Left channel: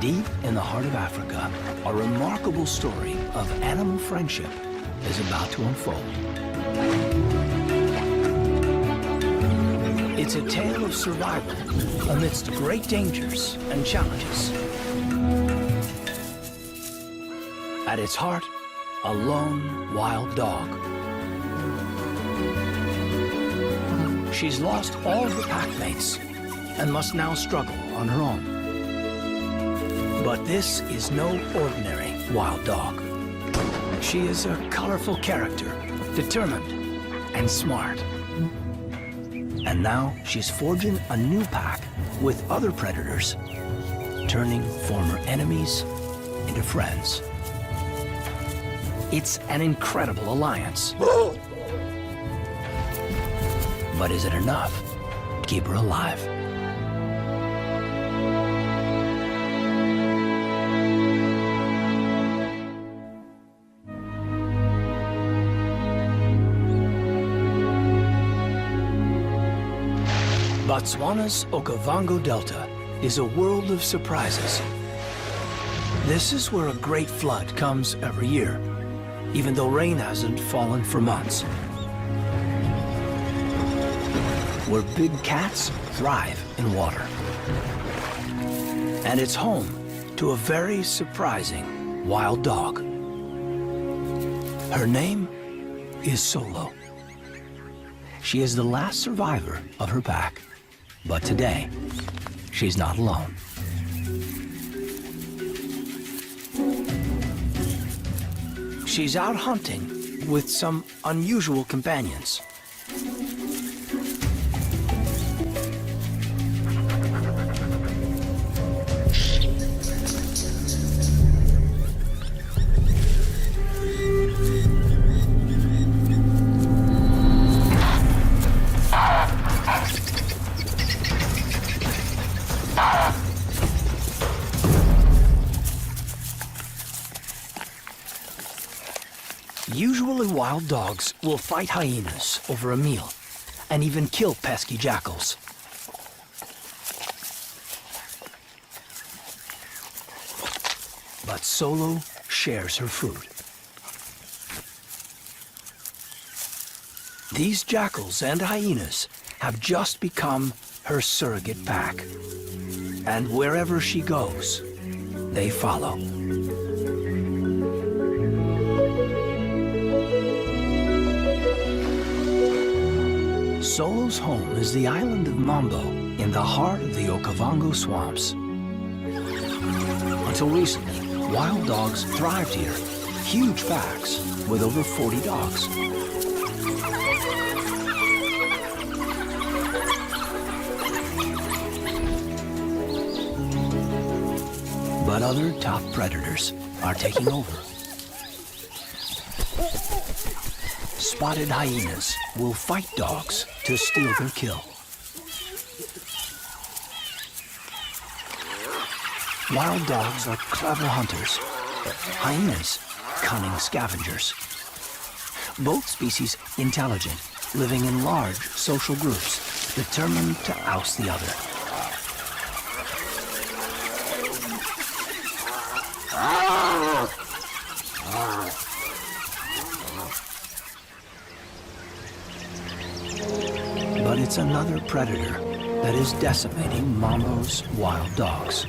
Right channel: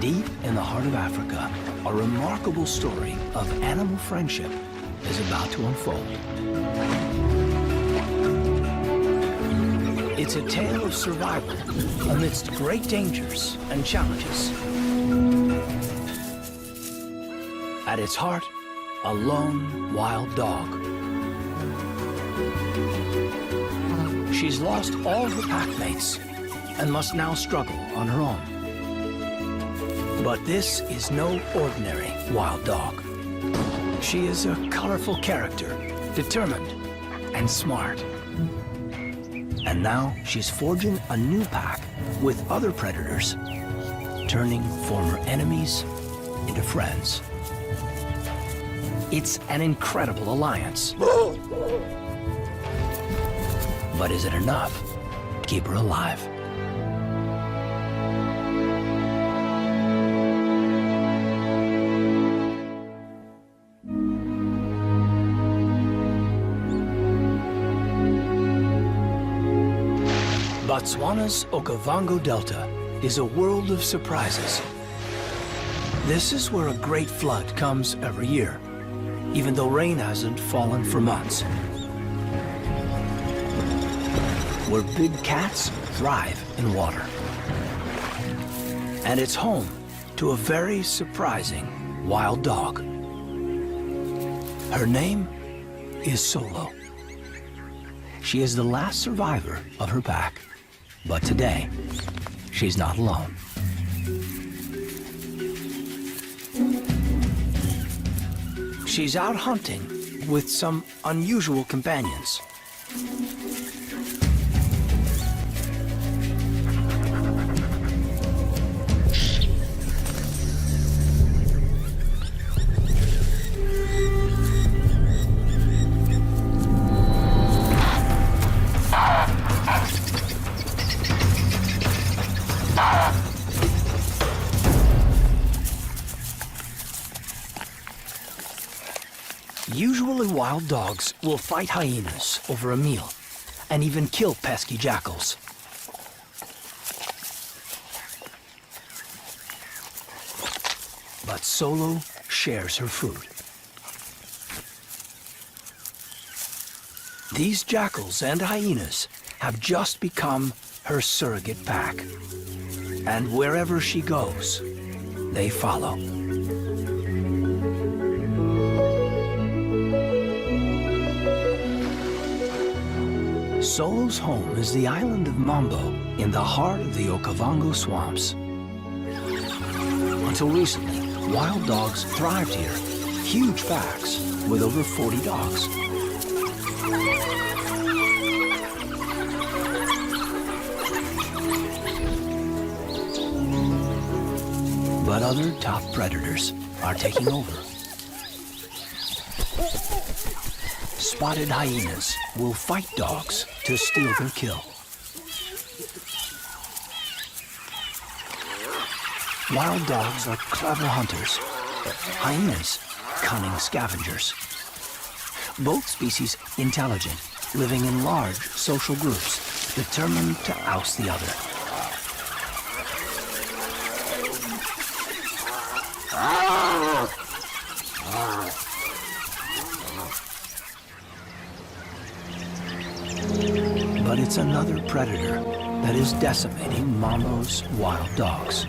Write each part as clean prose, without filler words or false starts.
Deep in the heart of Africa, a remarkable story of animal friendship is about to unfold. It's a tale of survival amidst great dangers and challenges. At its heart, a lone wild dog. She's lost all her packmates and must now struggle on her own. But this is no ordinary wild dog. She is a colorful character, determined and smart. And now she's forging a new pack with other predators, turning former enemies into friends. It's an incredible alliance. But is it enough to keep her alive? Botswana's Okavango Delta is a world of surprises. This is where a great flood comes every year, even though rain hasn't fallen for months. Where big cats thrive in water. And it's home to a very surprising wild dog. Her name is Solo. She is the last survivor of her pack. But today, she's not alone. She's out hunting with some unusual companions. Usually wild dogs will fight hyenas over a meal and even kill pesky jackals. But Solo shares her food. These jackals and hyenas have just become her surrogate pack. And wherever she goes, they follow. Solo's home is the island of Mambo in the heart of the Okavango swamps. Until recently, wild dogs thrived here, huge packs with over 40 dogs. But other top predators are taking over. Spotted hyenas will fight dogs to steal their kill. Wild dogs are clever hunters, hyenas cunning scavengers. Both species intelligent, living in large social groups, determined to oust the other. But it's another predator that is decimating Mambo's wild dogs.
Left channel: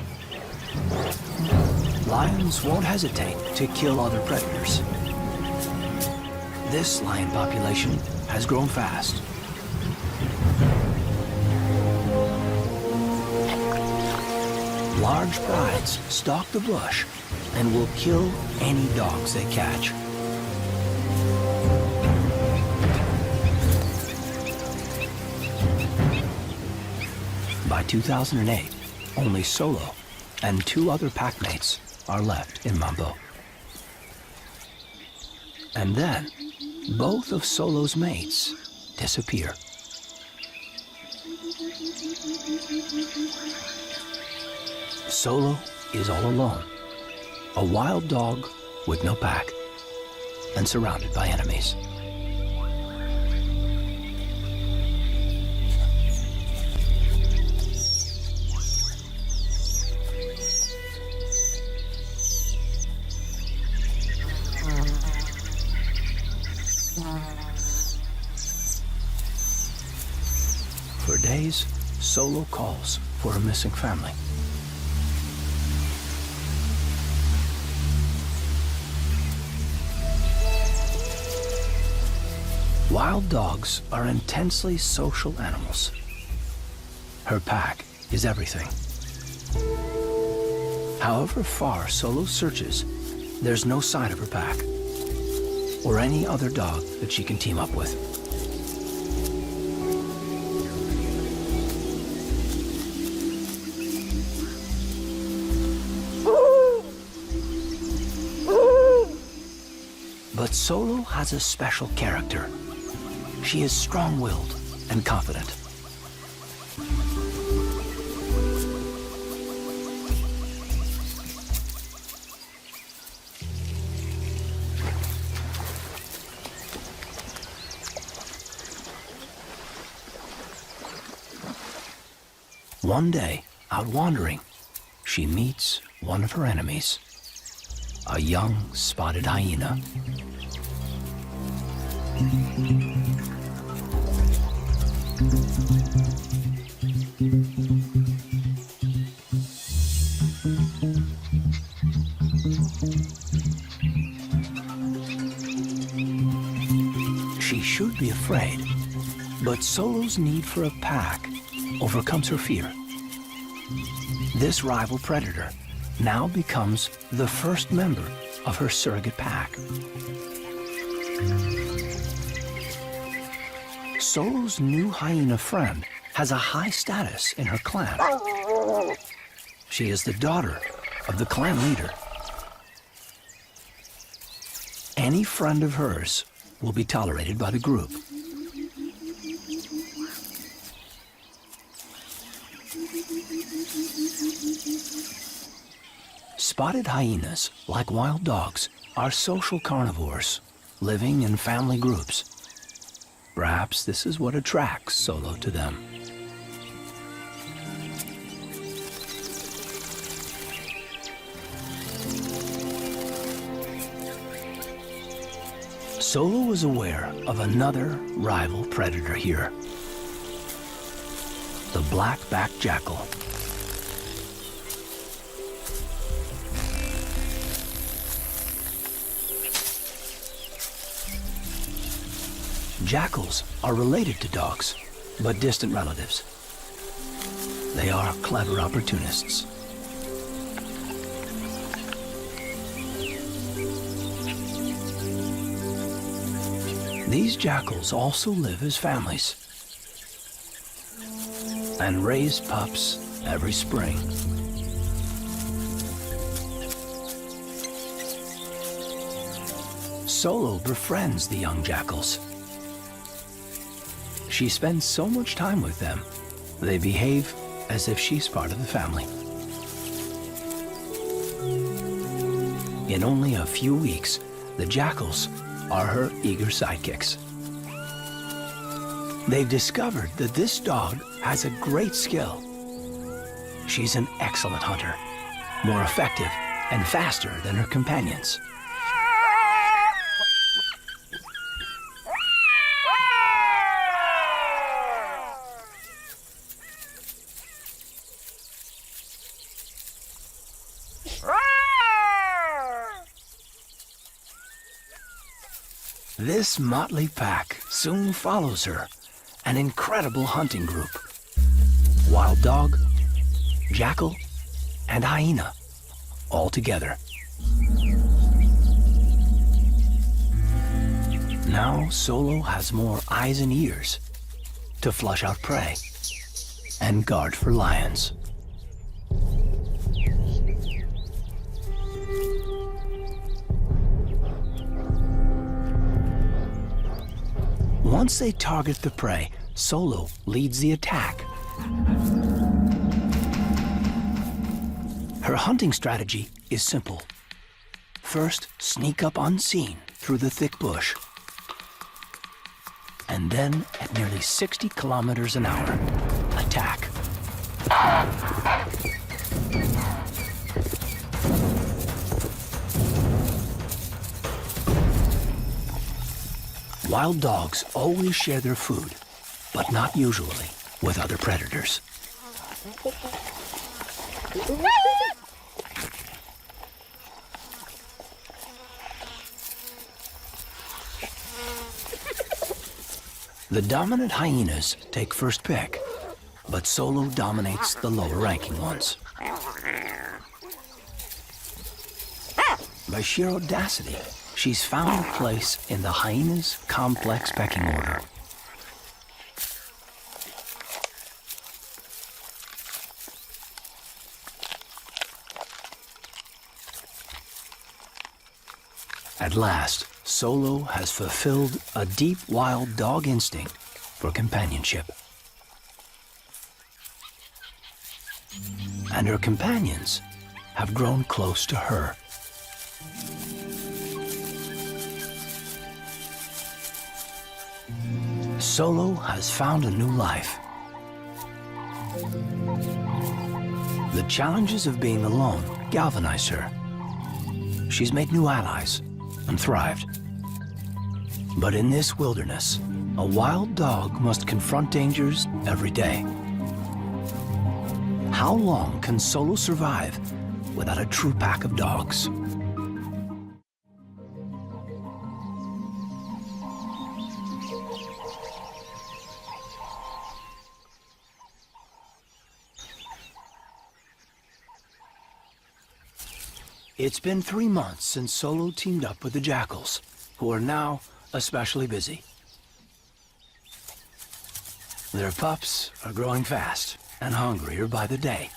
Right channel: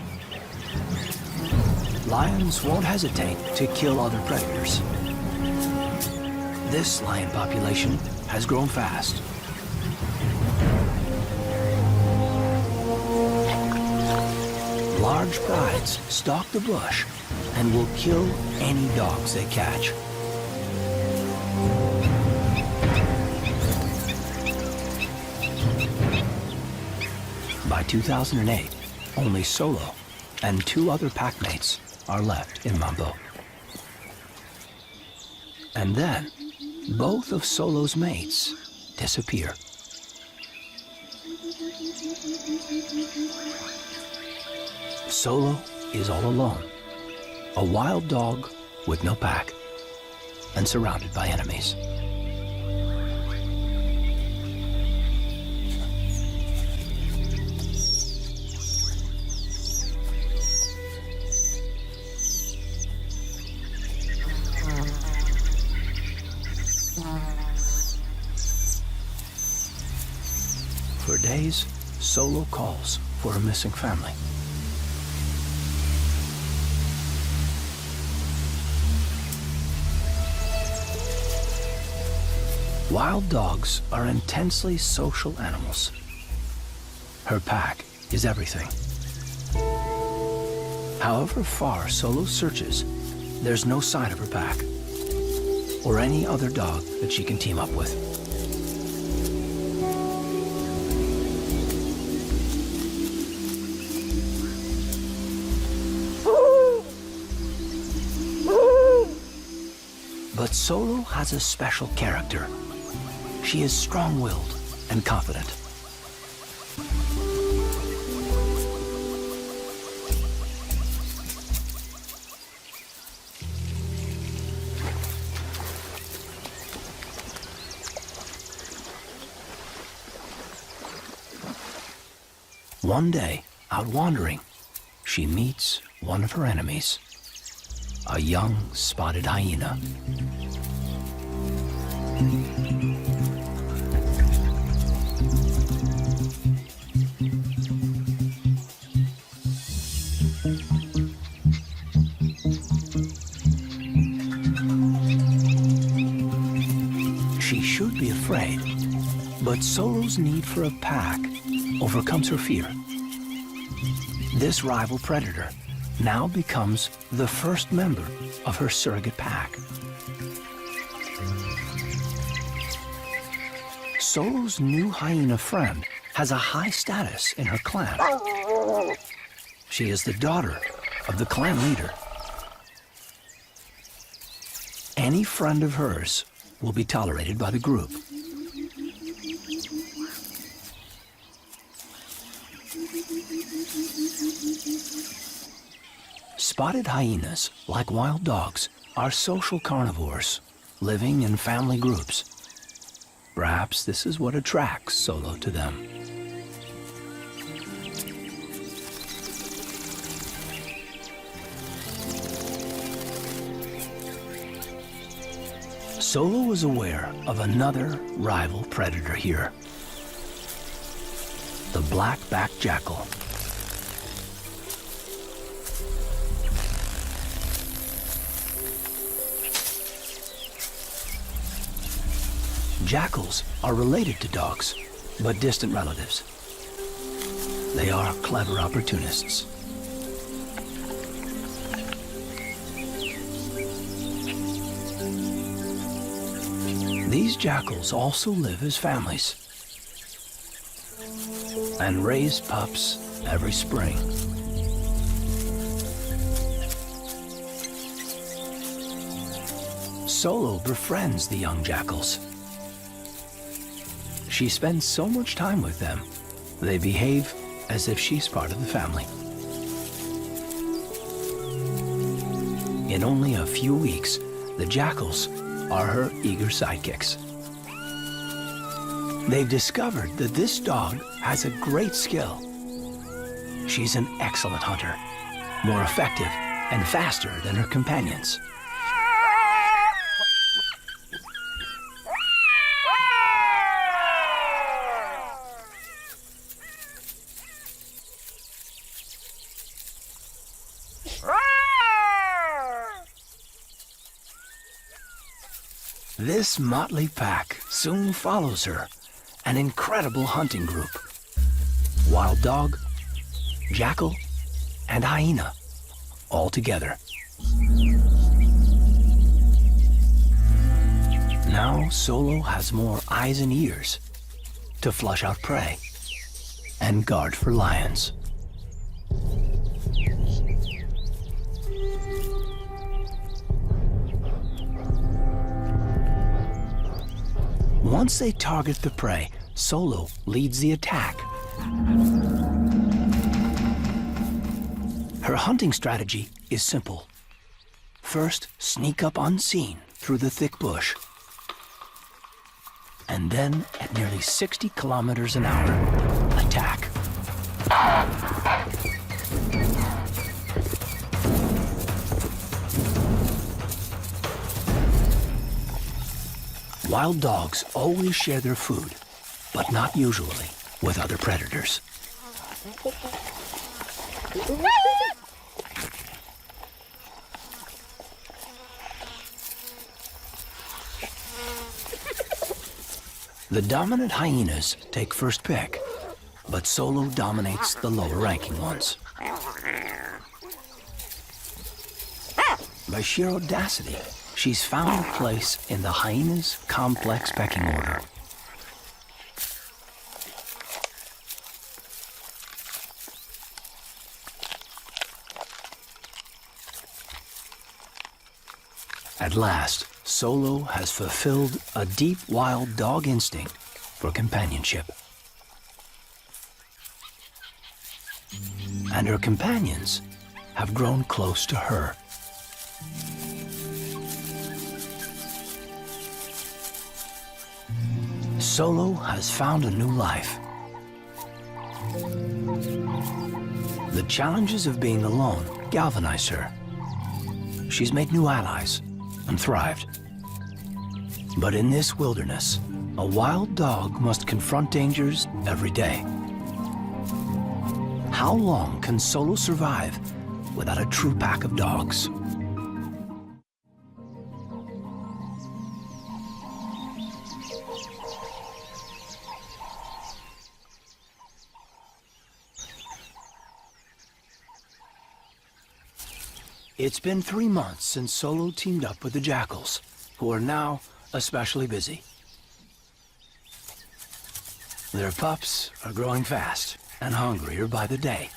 Lions won't hesitate to kill other predators. This lion population has grown fast. Large prides stalk the bush and will kill any dogs they catch. By 2008, only Solo and 2 other packmates are left in Mambo. And then, both of Solo's mates disappear. Solo is all alone, a wild dog with no pack, and surrounded by enemies. For days, Solo calls for her missing family. Wild dogs are intensely social animals. Her pack is everything. However far Solo searches, there's no sign of her pack or any other dog that she can team up with. But Solo has a special character. She is strong-willed and confident. One day, out wandering, she meets one of her enemies, a young spotted hyena. She should be afraid, but Solo's need for a pack overcomes her fear. This rival predator now becomes the first member of her surrogate pack. Solo's new hyena friend has a high status in her clan. She is the daughter of the clan leader. Any friend of hers will be tolerated by the group. Spotted hyenas, like wild dogs, are social carnivores, living in family groups. Perhaps this is what attracts Solo to them. Solo was aware of another rival predator here, the black-backed jackal. Jackals are related to dogs, but distant relatives. They are clever opportunists. These jackals also live as families and raise pups every spring. Solo befriends the young jackals. She spends so much time with them, they behave as if she's part of the family. In only a few weeks, the jackals are her eager sidekicks. They've discovered that this dog has a great skill. She's an excellent hunter, more effective and faster than her companions. This motley pack soon follows her, an incredible hunting group. Wild dog, jackal, and hyena, all together. Now Solo has more eyes and ears to flush out prey and guard for lions. Once they target the prey, Solo leads the attack. Her hunting strategy is simple. First, sneak up unseen through the thick bush. And then, at nearly 60 kilometers an hour, attack. Wild dogs always share their food, but not usually. with other predators. The dominant hyenas take first pick, but Solo dominates the lower-ranking ones. By sheer audacity, she's found a place in the hyena's complex pecking order. At last, Solo has fulfilled a deep wild dog instinct for companionship. And her companions have grown close to her. Solo has found a new life. The challenges of being alone galvanized her. She's made new allies and thrived. But in this wilderness, a wild dog must confront dangers every day. How long can Solo survive without a true pack of dogs? It's been 3 months since Solo teamed up with the jackals, who are now especially busy. Their pups are growing fast and hungrier by the day.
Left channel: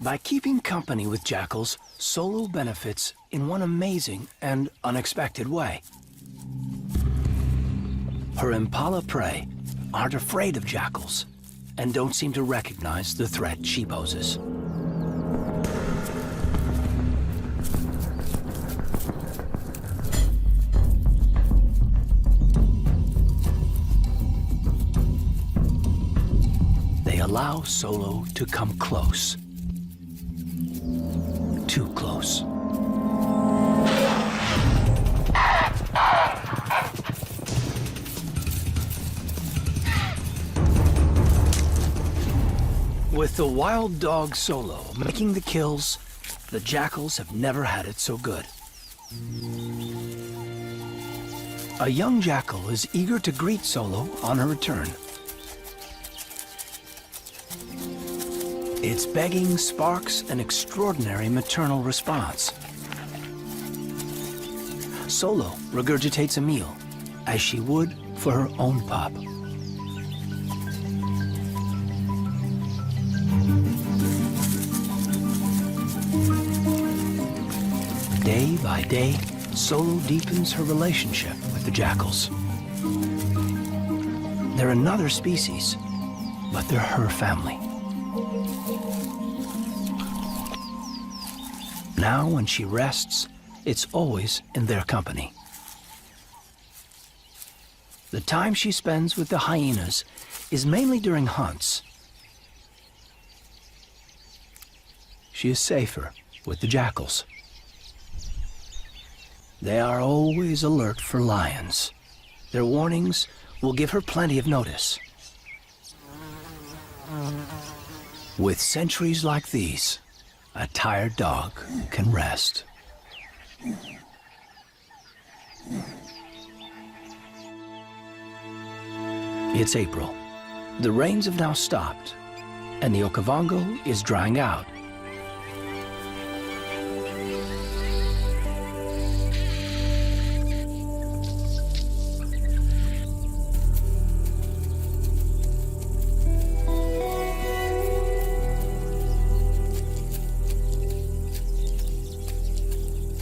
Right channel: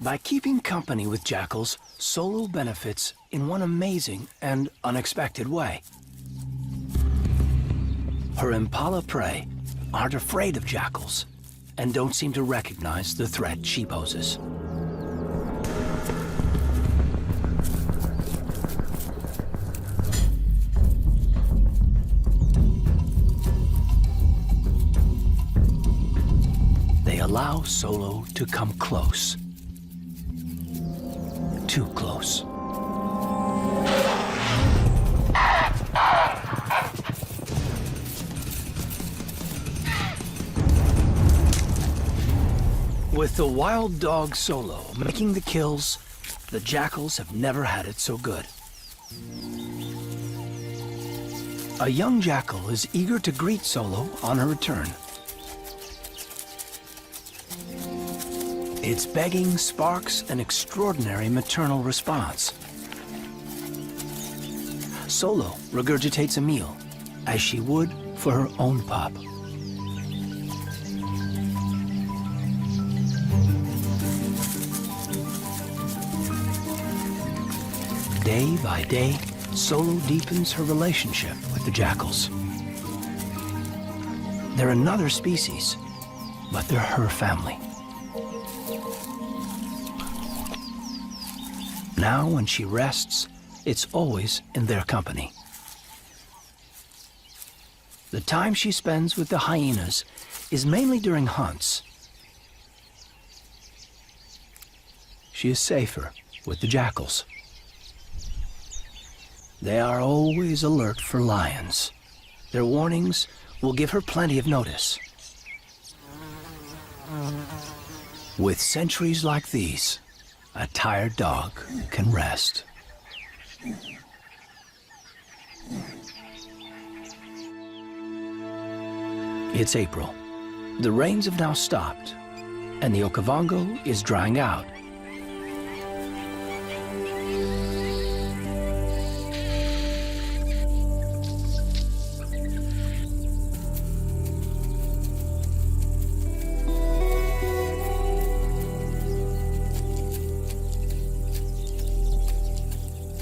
By keeping company with jackals, Solo benefits in one amazing and unexpected way. Her impala prey aren't afraid of jackals and don't seem to recognize the threat she poses. They allow Solo to come close. Too close. With the wild dog Solo making the kills, the jackals have never had it so good. A young jackal is eager to greet Solo on her return. Its begging sparks an extraordinary maternal response. Solo regurgitates a meal, as she would for her own pup. Day by day, Solo deepens her relationship with the jackals. They're another species, but they're her family. Now, when she rests, it's always in their company. The time she spends with the hyenas is mainly during hunts. She is safer with the jackals. They are always alert for lions. Their warnings will give her plenty of notice. With sentries like these, a tired dog can rest. It's April. The rains have now stopped, and the Okavango is drying out.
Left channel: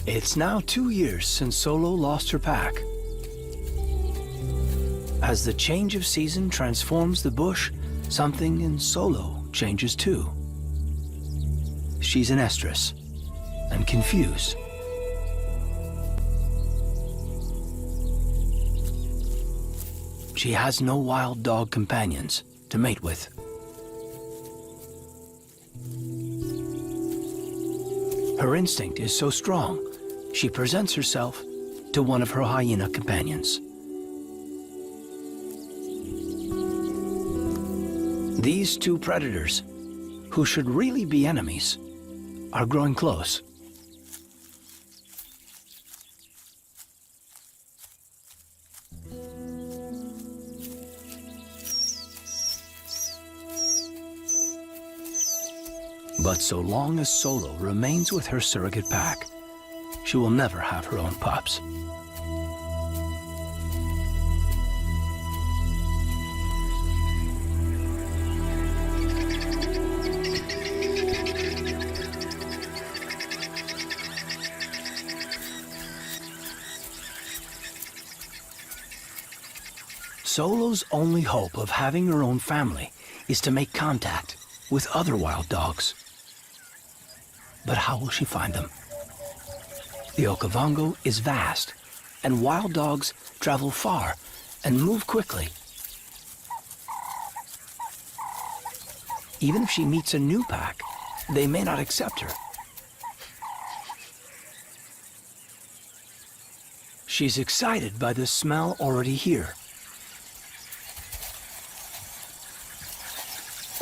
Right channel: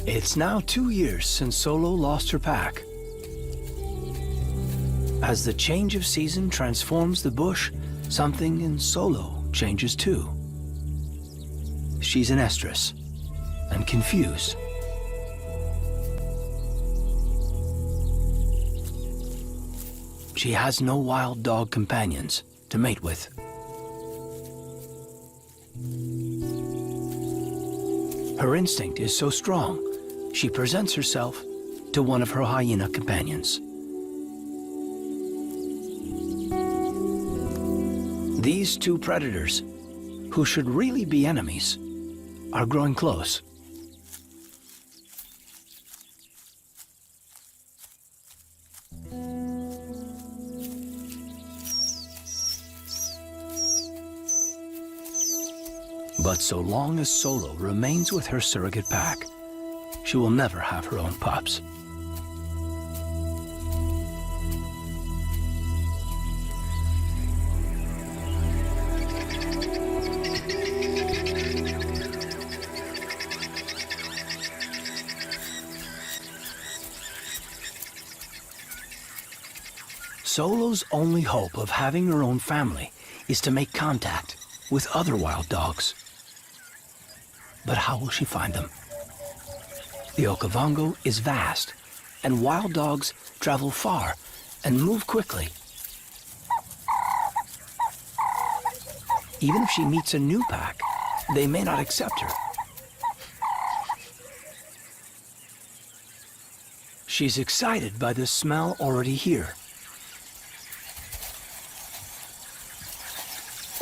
It's now 2 years since Solo lost her pack. As the change of season transforms the bush, something in Solo changes too. She's an estrus and confused. She has no wild dog companions to mate with. Her instinct is so strong she presents herself to one of her hyena companions. These two predators, who should really be enemies, are growing close. But so long as Solo remains with her surrogate pack, she will never have her own pups. Solo's only hope of having her own family is to make contact with other wild dogs. But how will she find them? The Okavango is vast, and wild dogs travel far and move quickly. Even if she meets a new pack, they may not accept her. She's excited by the smell already here.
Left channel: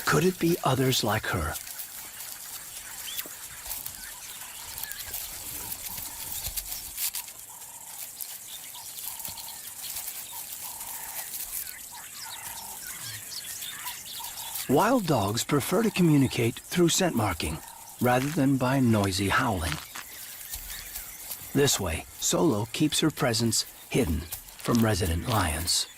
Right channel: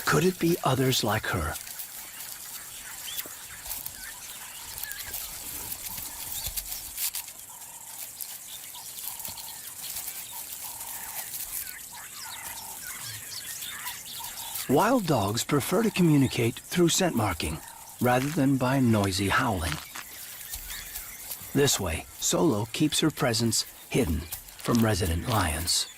Could it be others like her? Wild dogs prefer to communicate through scent marking, rather than by noisy howling. This way, Solo keeps her presence hidden from resident lions.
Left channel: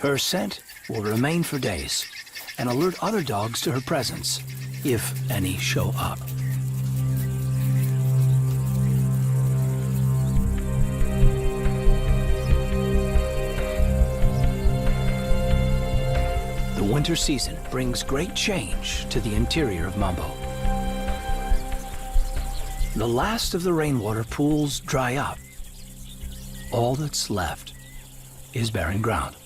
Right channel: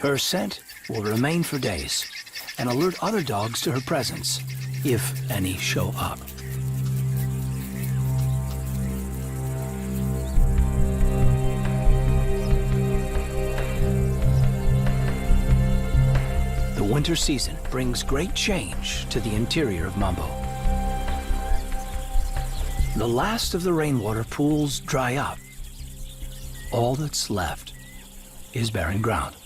Her scent will remain for days and alert other dogs to her presence, if any show up. The winter season brings great change to the interior of Mambo. The last of the rainwater pools dry up. All that's left is barren ground.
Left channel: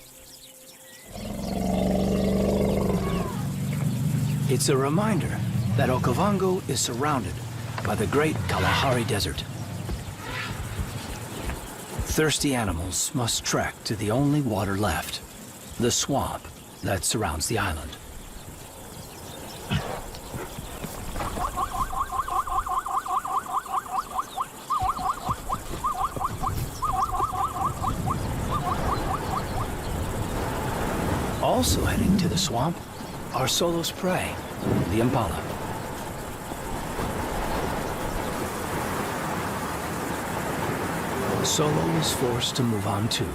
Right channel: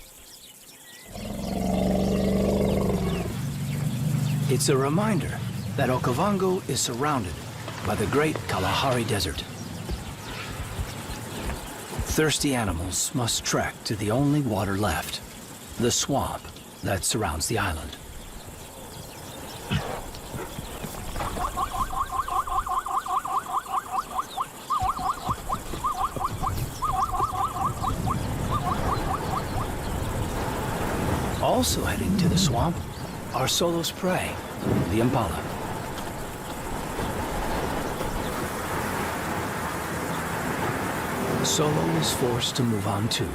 It's a reminder that Okavango is surrounded by the great Kalahari Desert. Thirsty animals must trek to the only water left, the swamp that surrounds the island. Also heading to the swamp are Solo's prey, the impala. Solo is forced to move on too.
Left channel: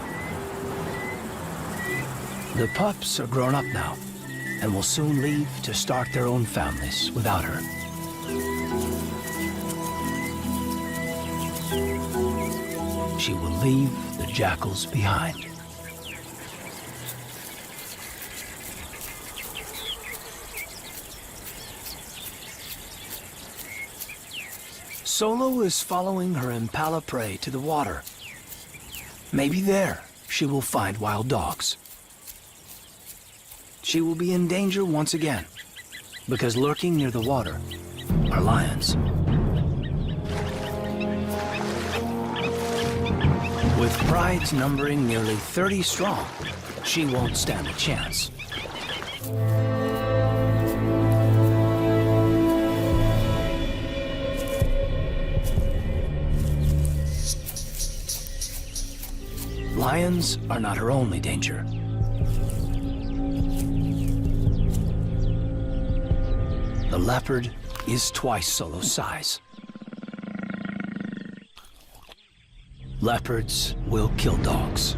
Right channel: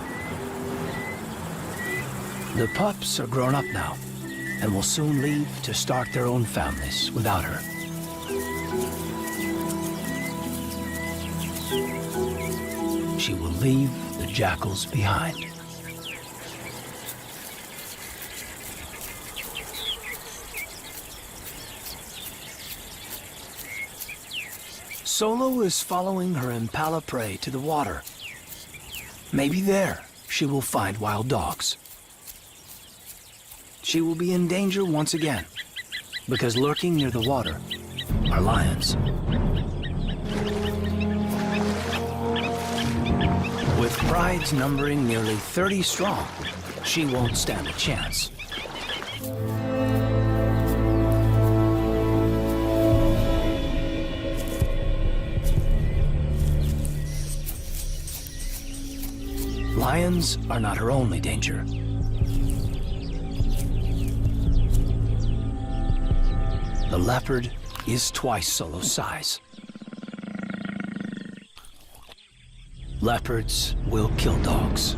The pups are grown up now and will soon leave to start their own families without her. She will leave the jackals behind. Solo is following her impala prey to the water. Maybe there she will find wild dogs. She will be in danger once again, because lurking near the water are lions. With prides numbering nearly 30 strong, she won't stand a chance. Lions are not her only danger. The leopard is twice Solo's size. Leopards will kill dogs.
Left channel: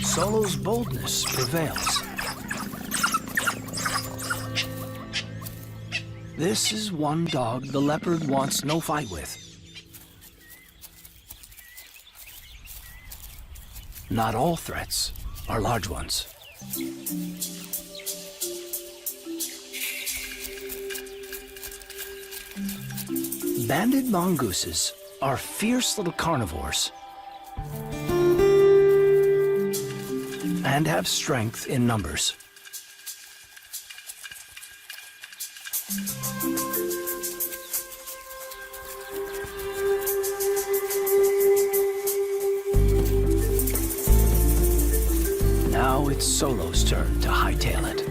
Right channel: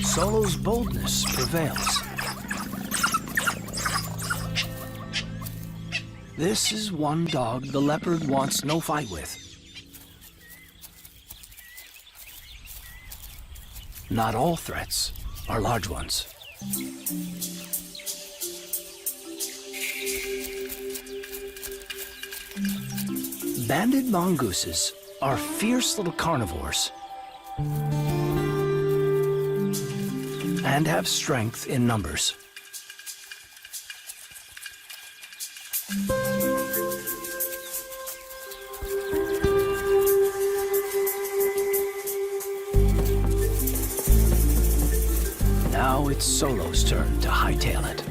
Solo's boldness prevails. This is one dog the leopard wants no fight with. Not all threats are large ones. Banded mongooses are fierce little carnivores and have strength in numbers. Now it's Solo's turn to hightail it.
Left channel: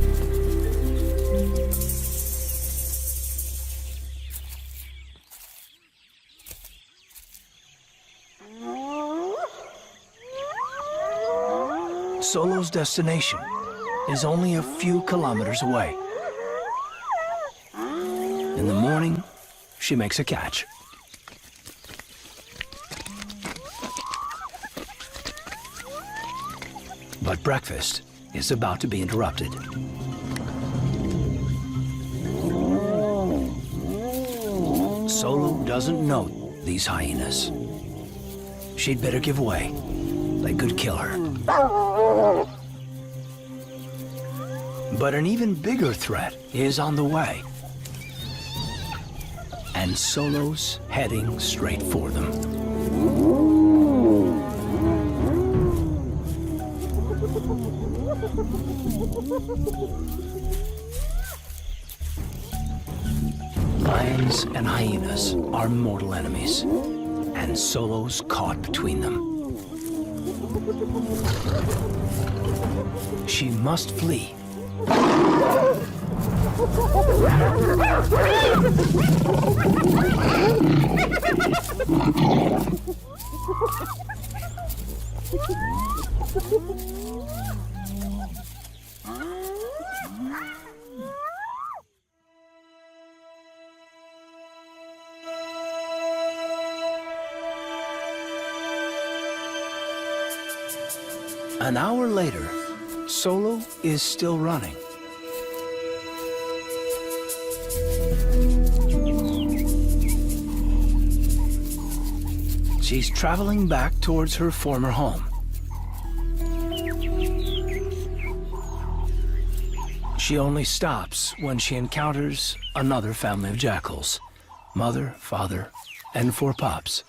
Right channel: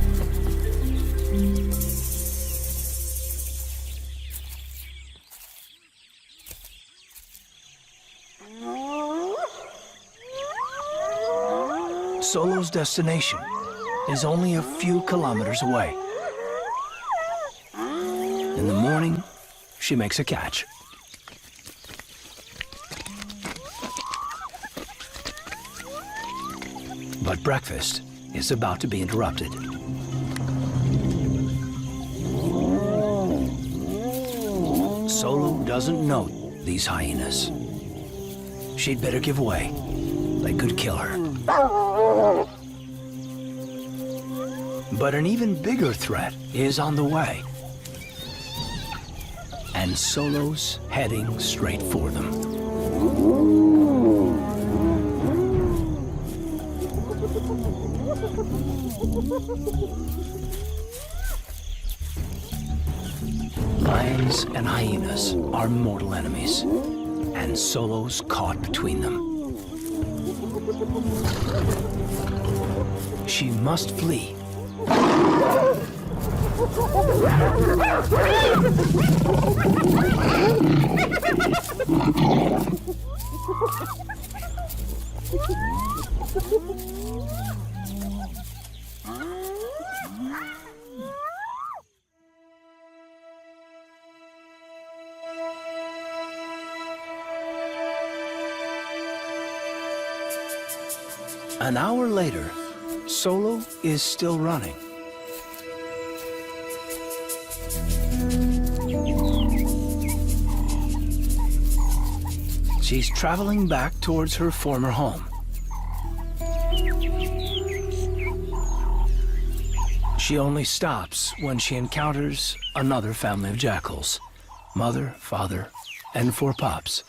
Solo's destination is only a few kilometers away. In the morning, she makes a catch. But breakfast is about to be interrupted. Solo doesn't know these hyenas. She'd better give way. They could kill her. But an even bigger threat is on the way. And Solo's heading straight for them. Lions and hyenas are mortal enemies, and Solo's caught between them. She must flee. An hour later, Solo is still running. She's traveling back towards her former home. She only stops when she encounters another family of jackals, mother, father, and 4 pups.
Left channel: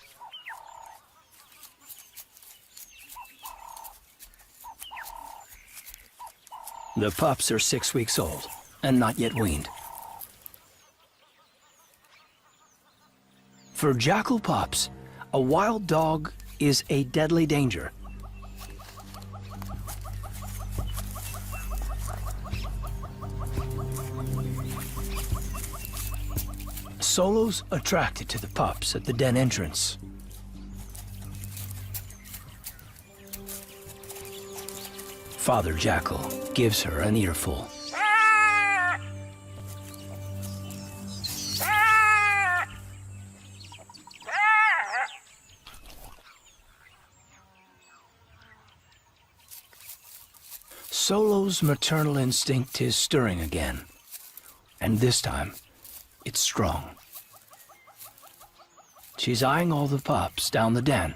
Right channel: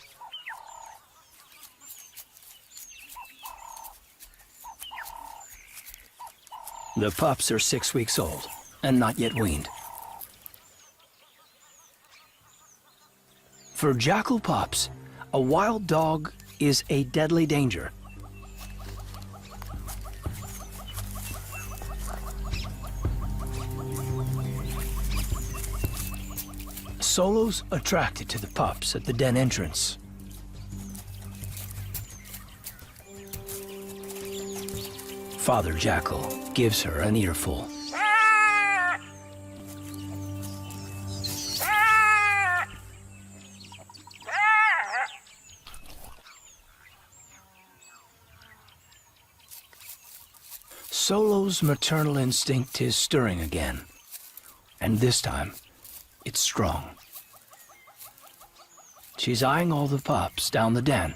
The pups are 6 weeks old and not yet weaned. For jackal pups, a wild dog is a deadly danger. Solo's attracted to the pups at the den entrance. Father Jackal gives her an earful. Solo's maternal instinct is stirring again, and this time, it's strong. She's eyeing all the pups down the den.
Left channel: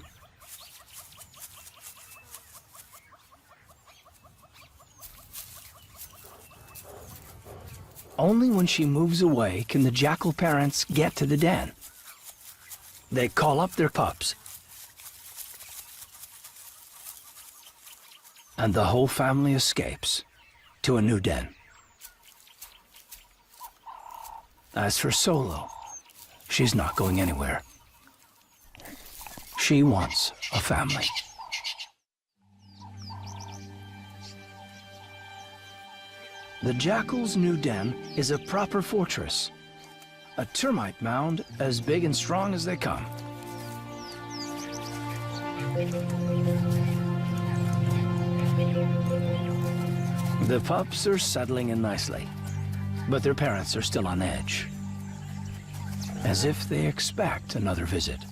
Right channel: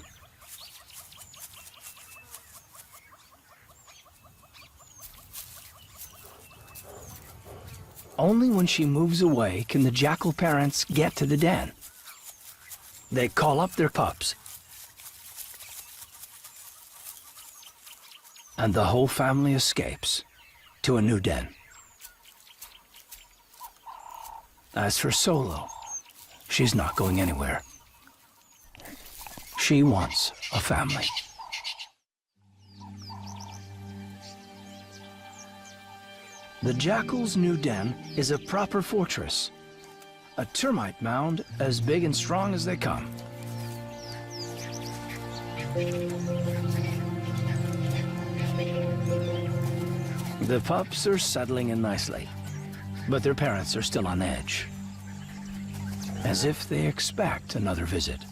Only when she moves away can the jackal parents get to the den. They call up their pups, and the whole family escapes to a new den. As for Solo, she's not going anywhere. She wants a family. The jackal's new den is a proper fortress, a termite mound as big and strong as they come. The pups are settling in nicely, but their parents are still on edge, as if they expect another visit.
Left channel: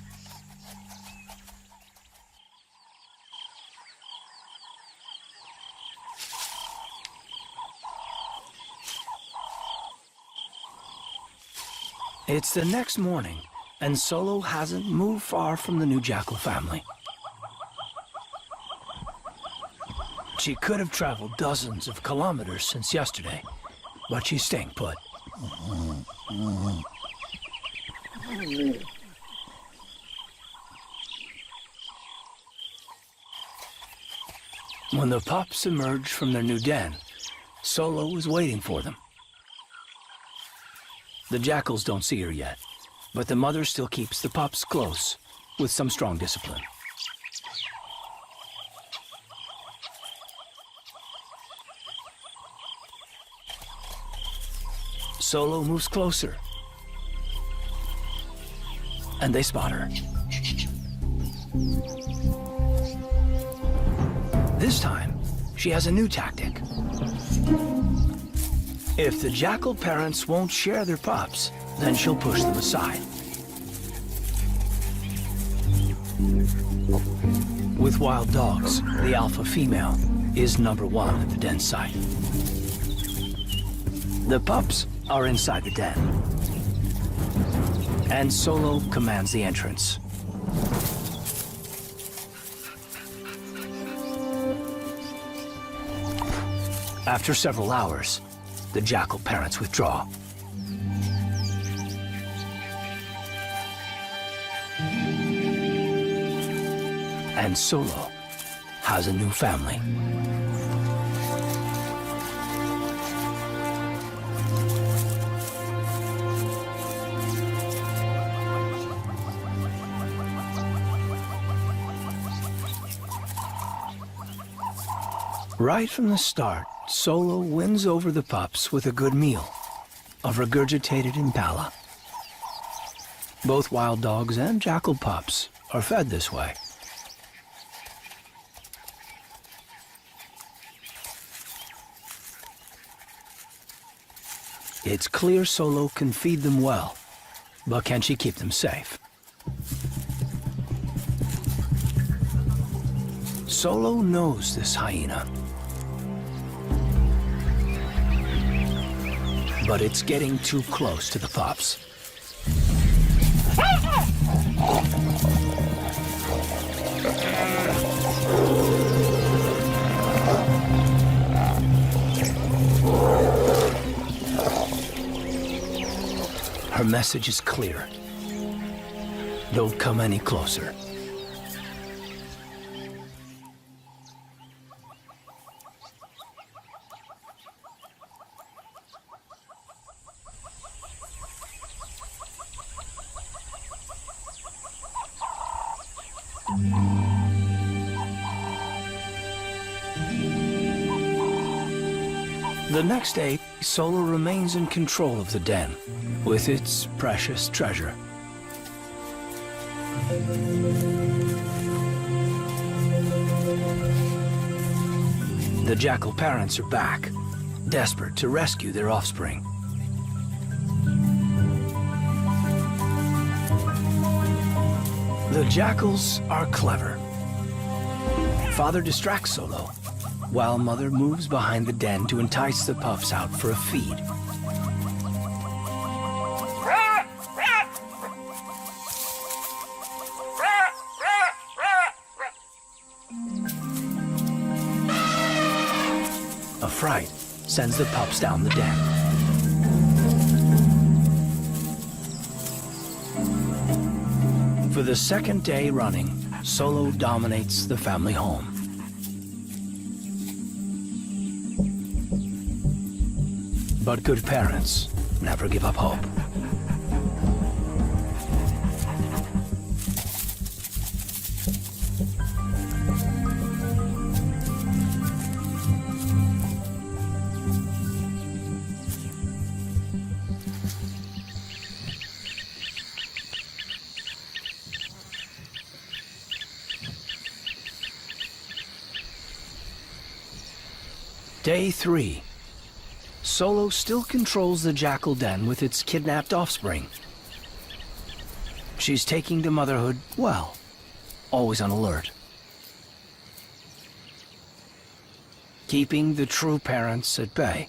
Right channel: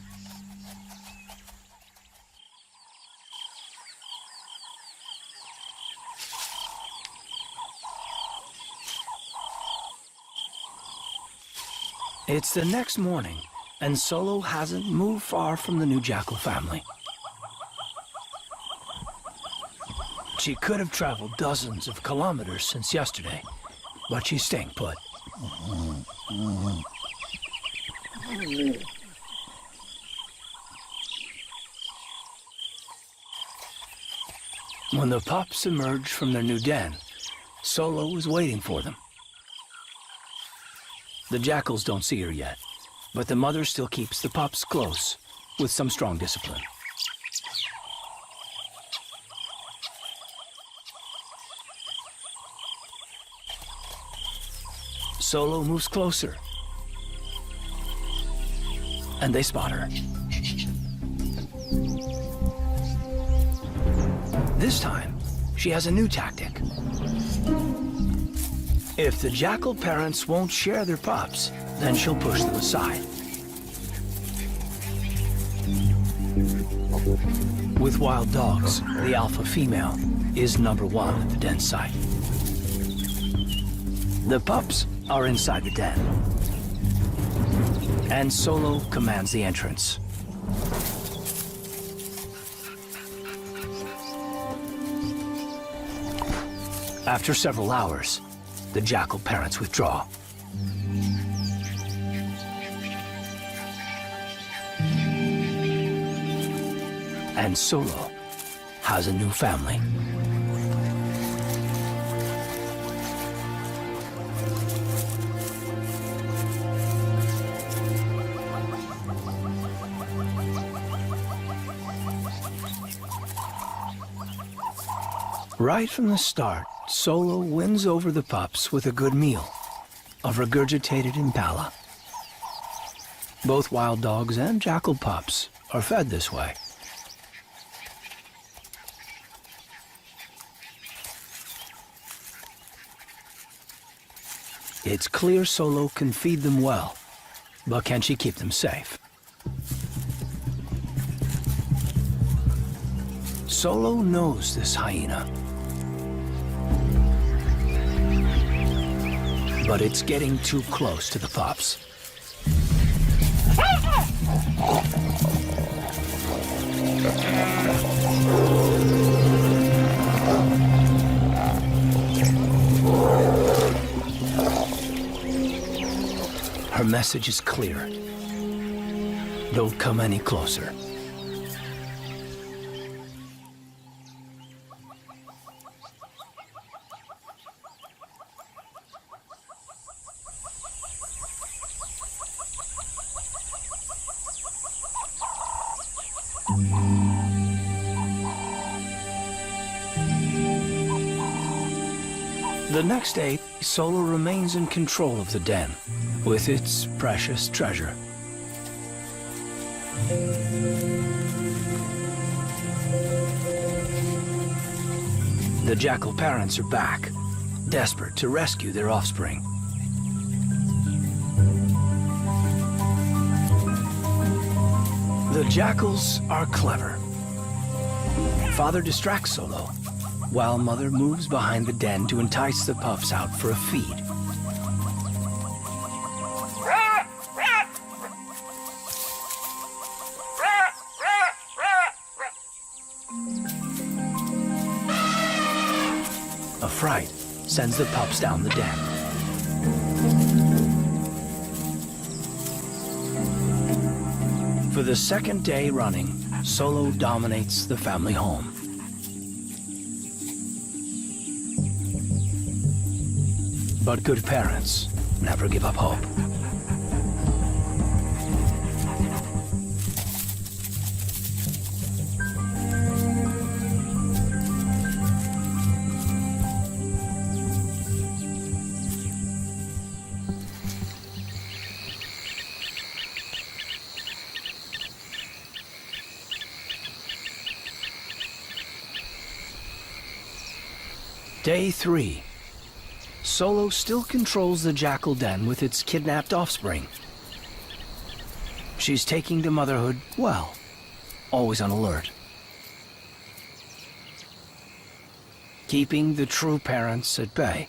It's the next morning, and Solo hasn't moved far from the new jackal family. She could have traveled dozens of kilometers since yesterday, but she's staying put. When the pups emerge from their new den, Solo is waiting for them. The jackals don't see her yet, but the mother still keeps the pups close with some strong discipline. Solo moves closer, and they spot her. This time, she has a new tactic. If the jackal parents won't share their pups, then she'll push them aside. With wild dogs, the alpha female is #1 at the den site. The pups are inside the den, and Solo commands the entrance. After several hours, the jackal parents withdraw. And Solo has a new family. Right from the start, Solo wins over the pups with a good meal of regurgitated impala. Both wild dogs and jackal pups are fed this way. It's clear Solo can feed them well, but can she keep them safe? Solo knows this hyena, but it's getting too close to the pups. Her message is clear. Don't come any closer. The next day, Solo remains in control of the den with its precious treasure. The jackal parents are back, desperate to rescue their offspring. The jackals are clever. Father distracts Solo, while Mother moves behind the den to entice the pups out for a feed. A fright sends the pups down the den. For the second day running, Solo dominates the family home. But good parents never give up hope. Day 3. Solo still controls the jackal den with its kidnapped offspring. She's taking to motherhood well, always on alert. Keeping the true parents at bay.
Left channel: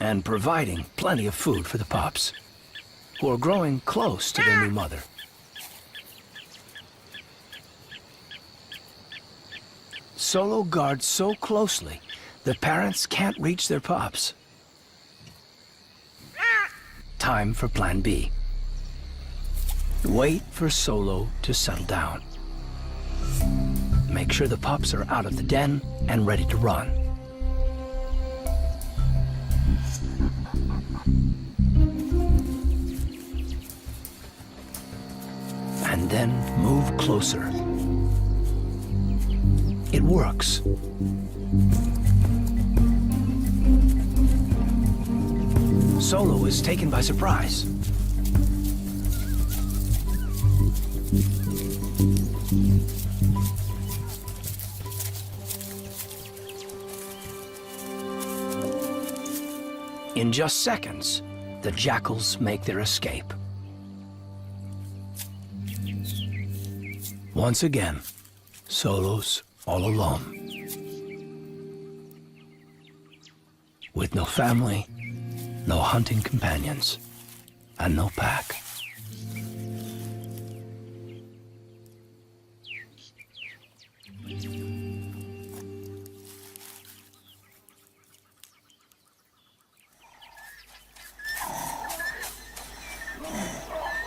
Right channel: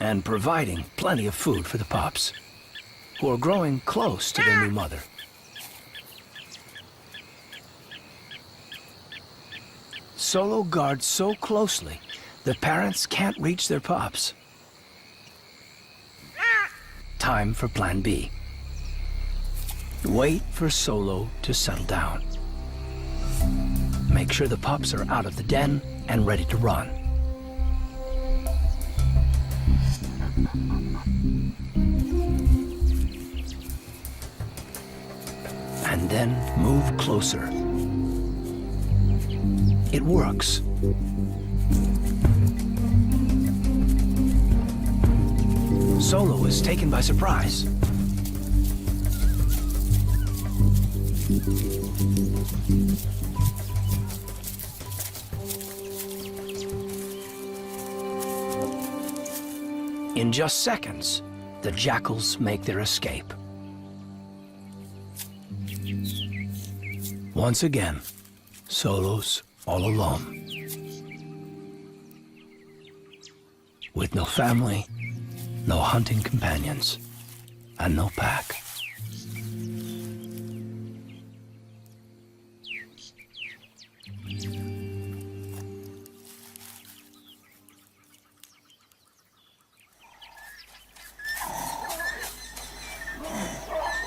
And providing plenty of food for the pups, who are growing close to their new mother. Solo guards so closely, the parents can't reach their pups. Time for Plan B. Wait for Solo to settle down. Make sure the pups are out of the den and ready to run. And then move closer. It works. Solo is taken by surprise. In just seconds, the jackals make their escape. Once again, Solo's all alone. With no family, no hunting companions, and no pack.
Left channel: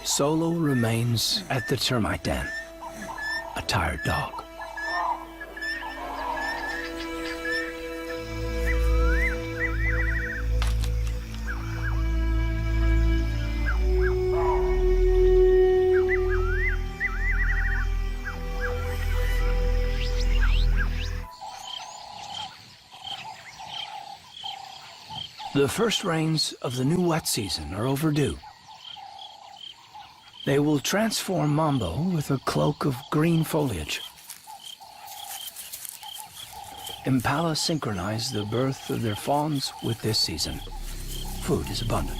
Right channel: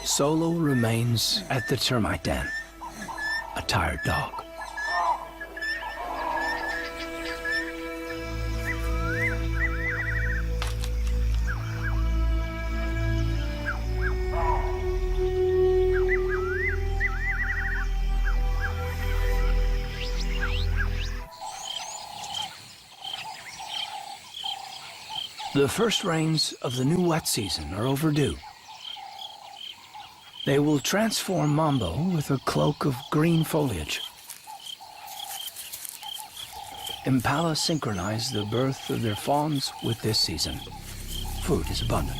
Solo remains at the termite den, a tired dog. The first rains of the new wet season are overdue. They will transform Mambo with a cloak of green foliage. Impala synchronize the birth of their fawns with this season. Food is abundant.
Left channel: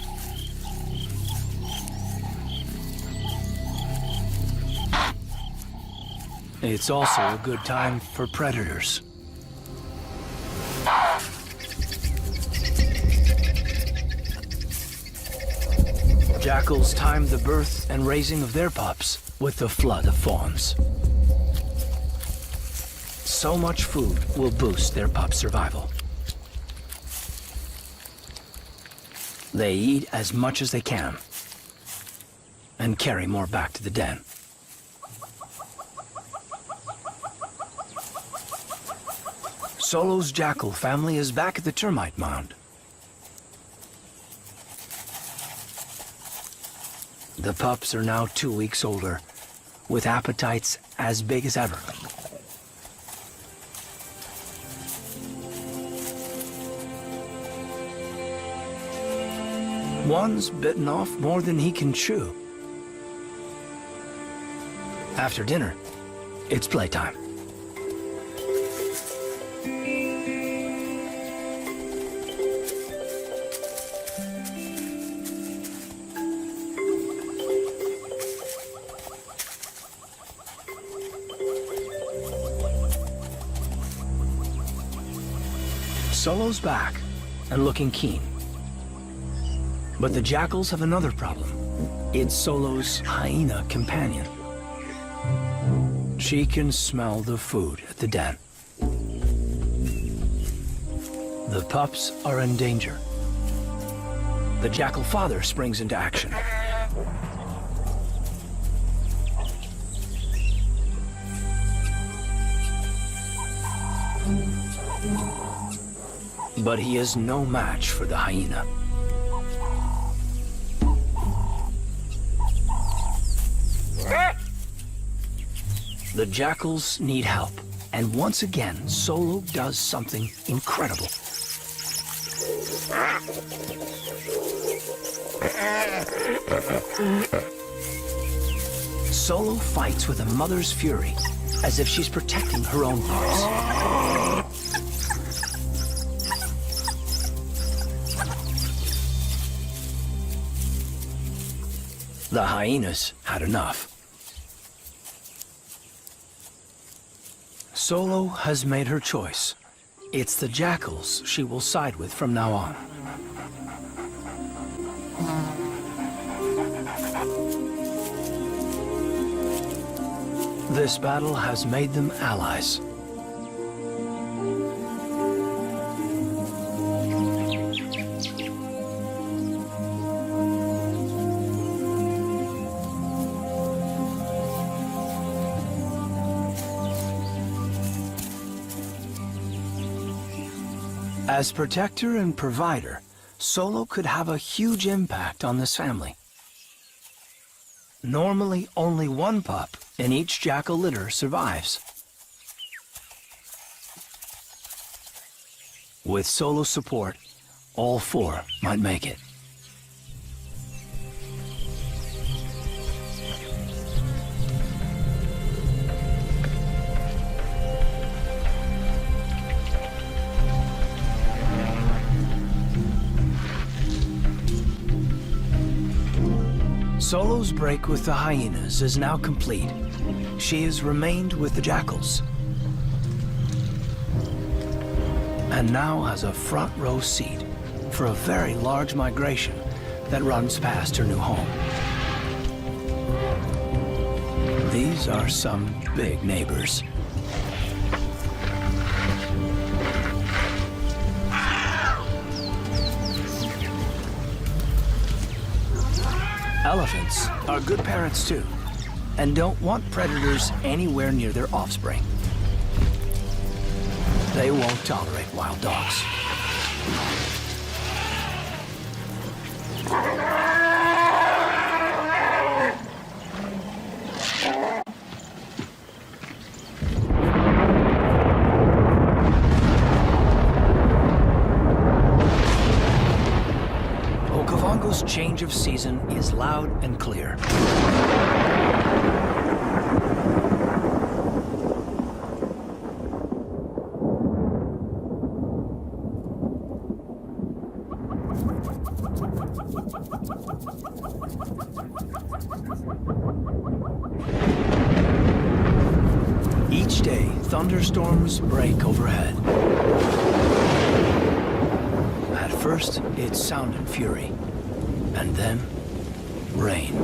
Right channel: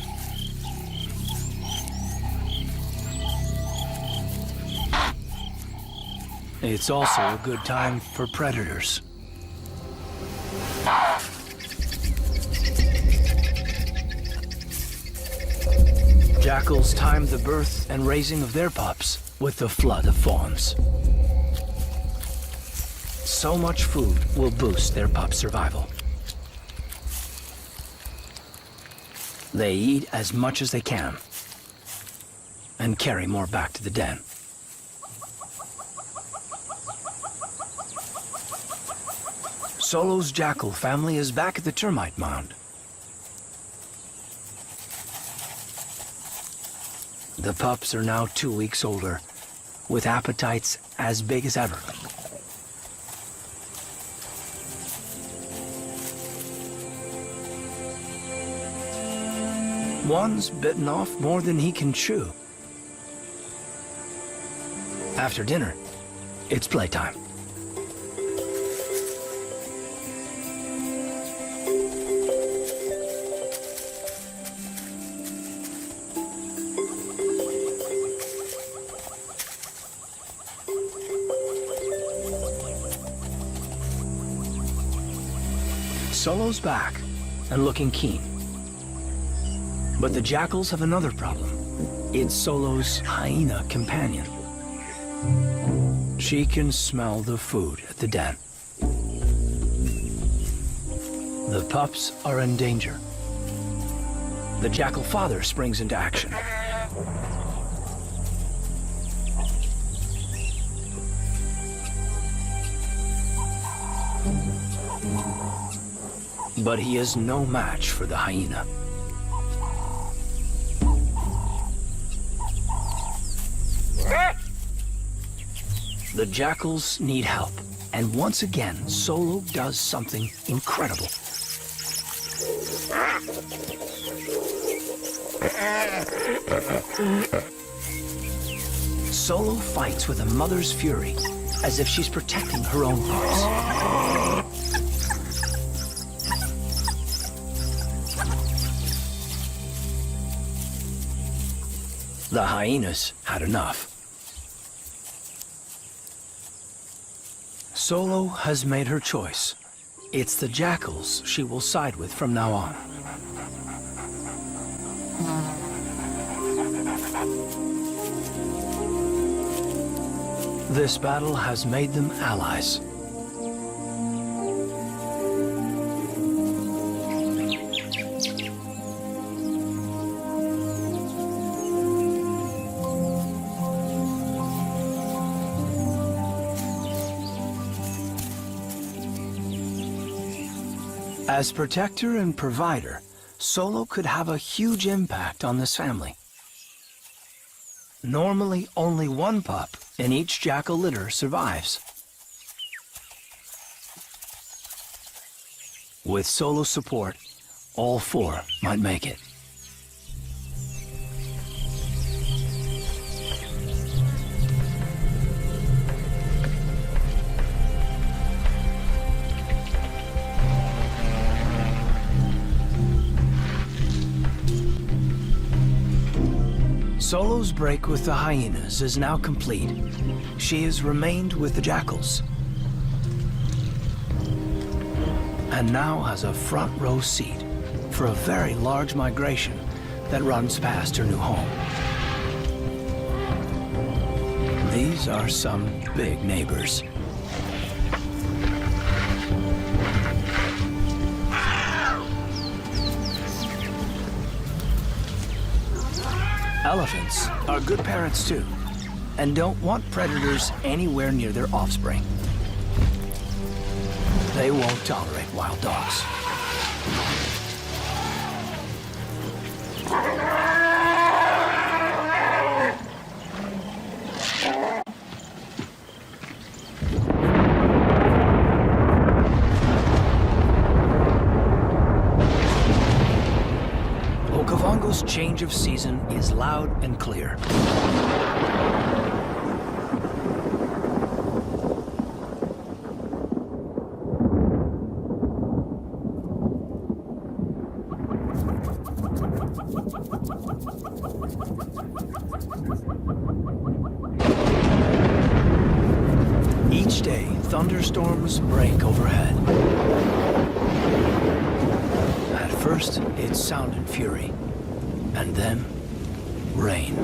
It's also a good time for predators. Jackals time the birth and raising of their pups with the flood of fawns. So much food will boost their pups' survival. They eat as much as they can and carry more back to the den. Solo's jackal family is back at the termite mound. The pups are now 2 weeks older, with appetites as big as ever. One's bitten off more than he can chew. After dinner, it's playtime. Solo's back and looking keen. But the jackals have another problem. It's Solo's hyena companion. She can smell the food at the den. The pups are in danger. The jackal father springs into action. But he is no match for the hyena. The jackals need help, and once again, Solo does something incredible. Solo fights with a mother's fury, as if she's protecting her own pups. The hyenas had enough. Solo has made her choice. It's the jackals she will side with from now on. This battle has made them allies. As protector and provider, Solo could have a huge impact on this family. Normally, only one pup in each jackal litter survives. With Solo's support, all four might make it. Solo's break with the hyenas is now complete. She has remained with the jackals, and now has a front row seat for a very large migration that runs past her new home. These are some big neighbors. Elephants are good parents too, and don't want predators anywhere near their offspring. They won't tolerate wild dogs. Okavango's change of season is loud and clear. Each day, thunderstorms break overhead. At first, it's sound and fury, and then rain.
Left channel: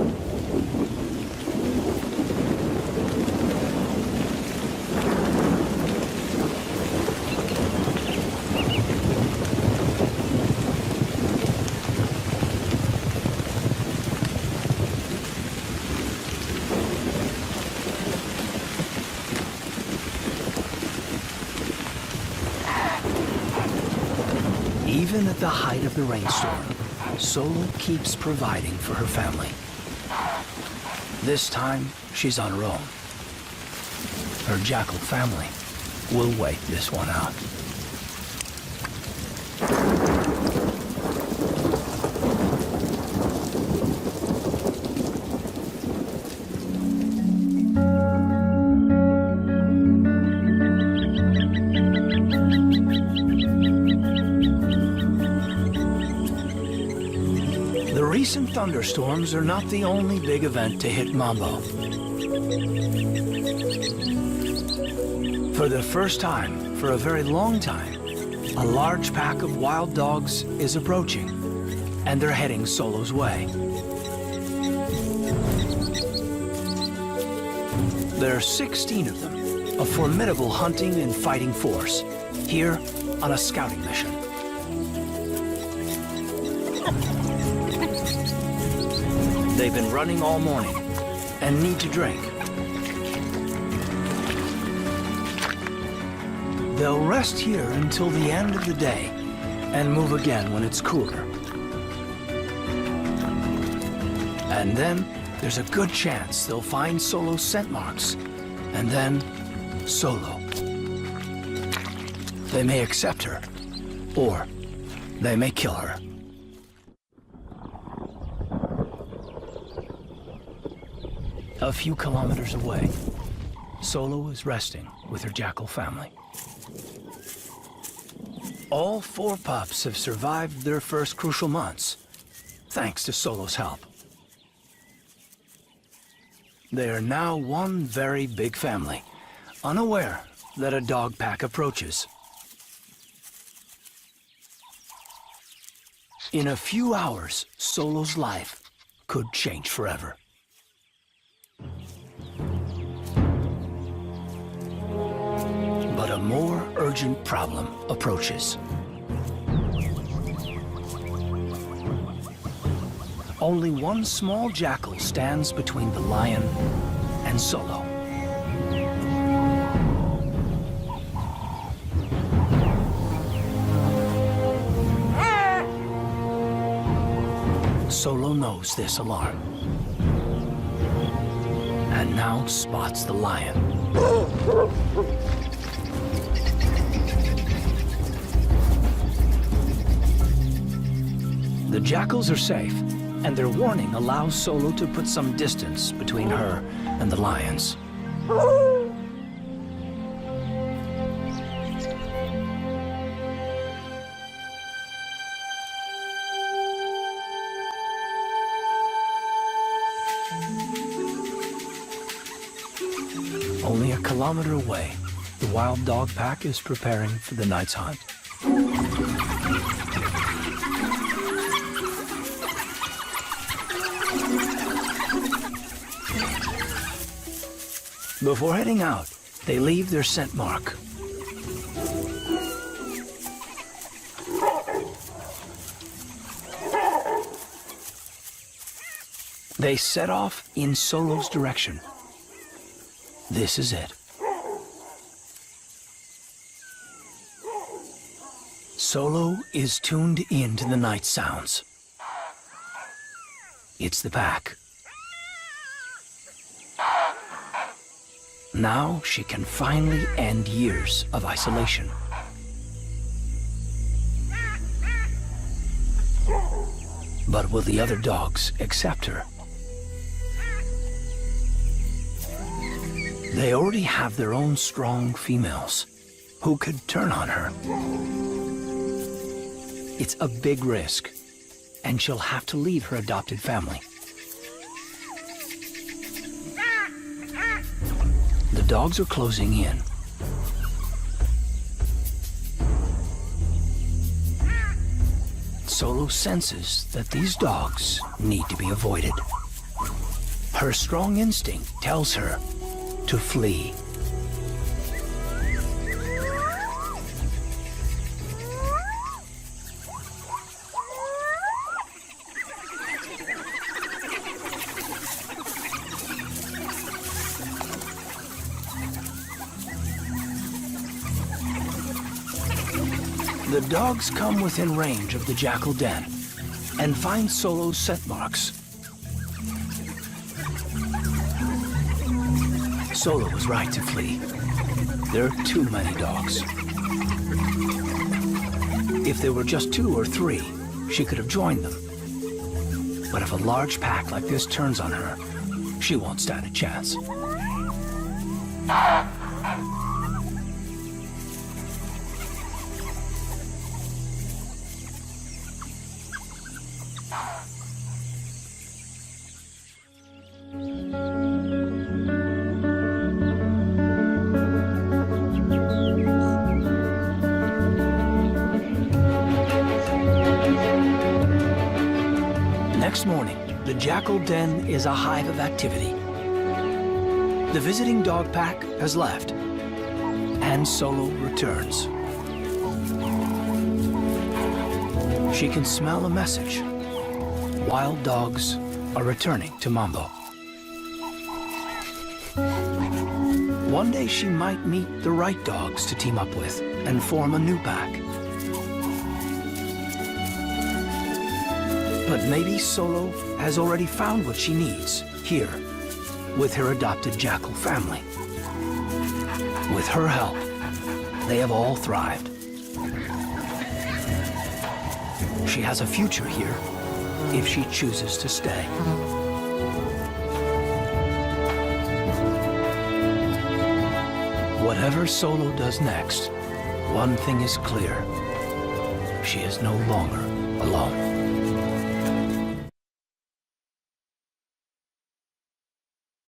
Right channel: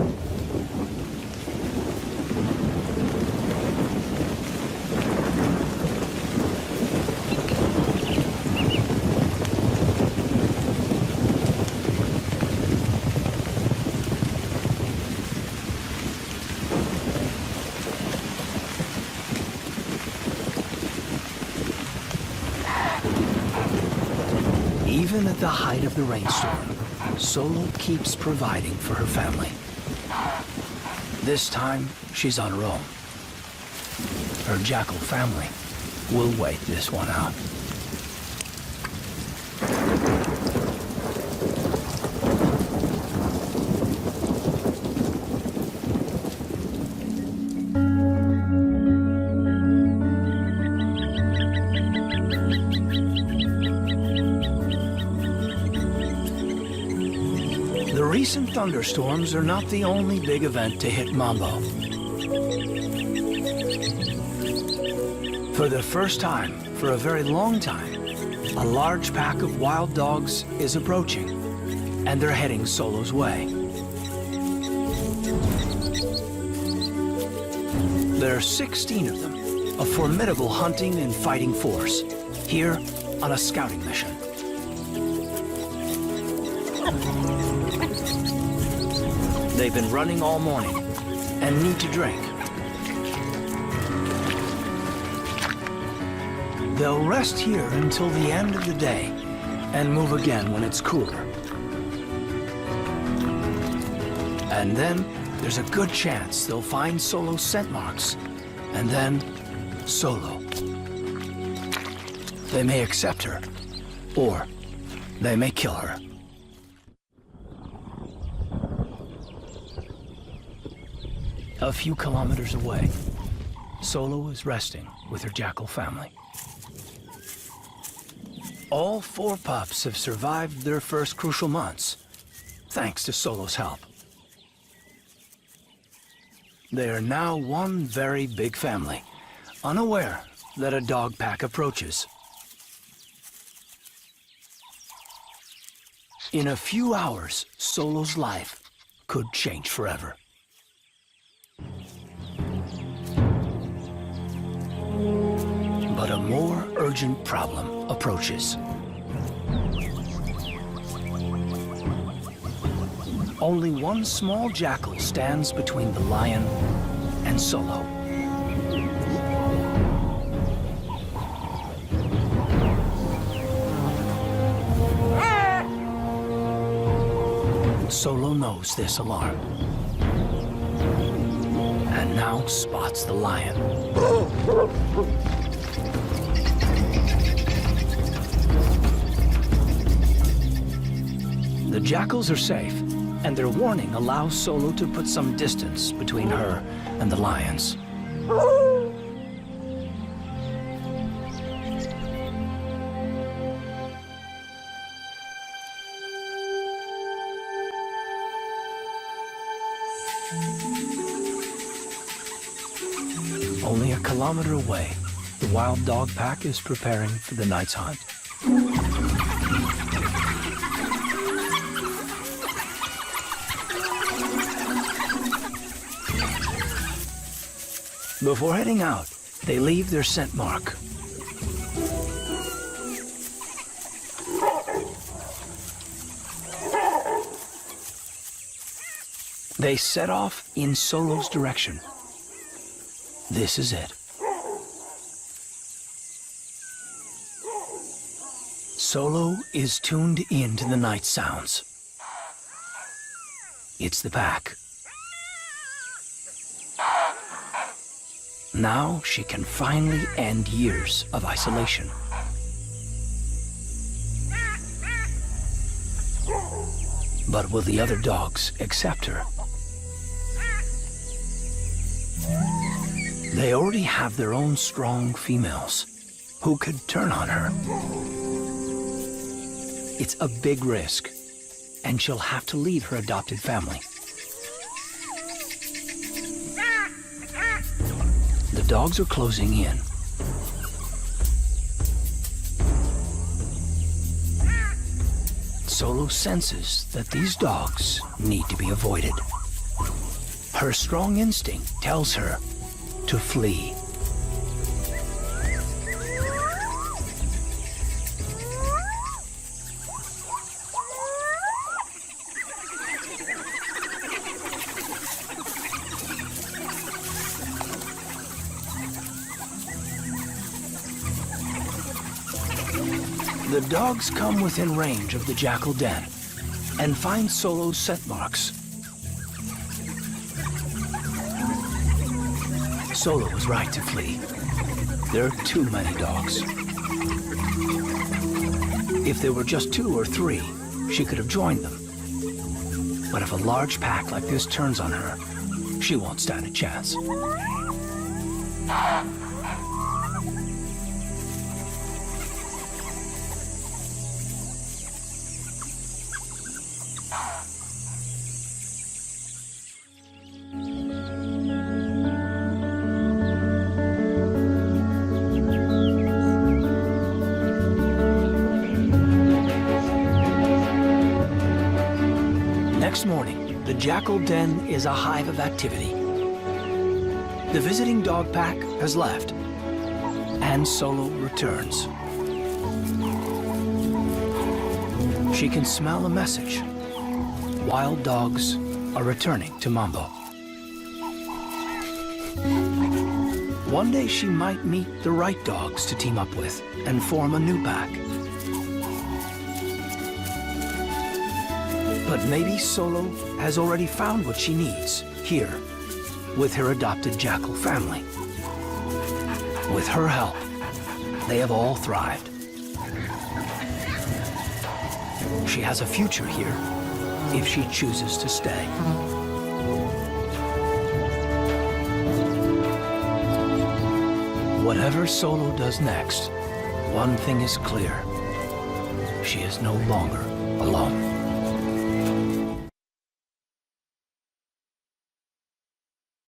Even at the height of the rainstorm, Solo keeps providing for her family. This time, she's on her own. Her jackal family will wait this one out. The recent thunderstorms are not the only big event to hit Mambo. For the first time, for a very long time, a large pack of wild dogs is approaching, and they're heading Solo's way. There are 16 of them, a formidable hunting and fighting force, here on a scouting mission. They've been running all morning and need to drink. They'll rest here until the end of the day and move again when it's cooler. And then there's a good chance they'll find Solo's scent marks, and then Solo. They may accept her, or they may kill her. A few kilometers away, Solo is resting with her jackal family. All four pups have survived their first crucial months, thanks to Solo's help. They are now one very big family, unaware that a dog pack approaches. In a few hours, Solo's life could change forever. But a more urgent problem approaches. Only one small jackal stands between the lion and Solo. Solo knows this alarm and now spots the lion. The jackals are safe, and their warning allows Solo to put some distance between her and the lions. Only a kilometer away, the wild dog pack is preparing for the night's hunt. Before heading out, they leave their scent mark. They set off in Solo's direction. This is it. Solo is tuned into the night sounds. It's the pack. Now she can finally end years of isolation. But will the other dogs accept her? They already have their own strong females who could turn on her. It's a big risk, and she'll have to leave her adopted family. The dogs are closing in. Solo senses that these dogs need to be avoided. Her strong instinct tells her to flee. The dogs come within range of the jackal den and find Solo's scent marks. Solo was right to flee. There are too many dogs. If there were just 2 or 3, she could have joined them. But if a large pack like this turns on her, she won't stand a chance. Next morning, the jackal den is a hive of activity. The visiting dog pack has left, and Solo returns. She can smell a message. Wild dogs are returning to Mambo. One day she might meet the right dogs to team up with and form a new pack. But maybe Solo has already found what she needs here with her adopted jackal family. With her help, they have all thrived. She has a future here if she chooses to stay. Whatever Solo does next, one thing is clear. She is no longer alone.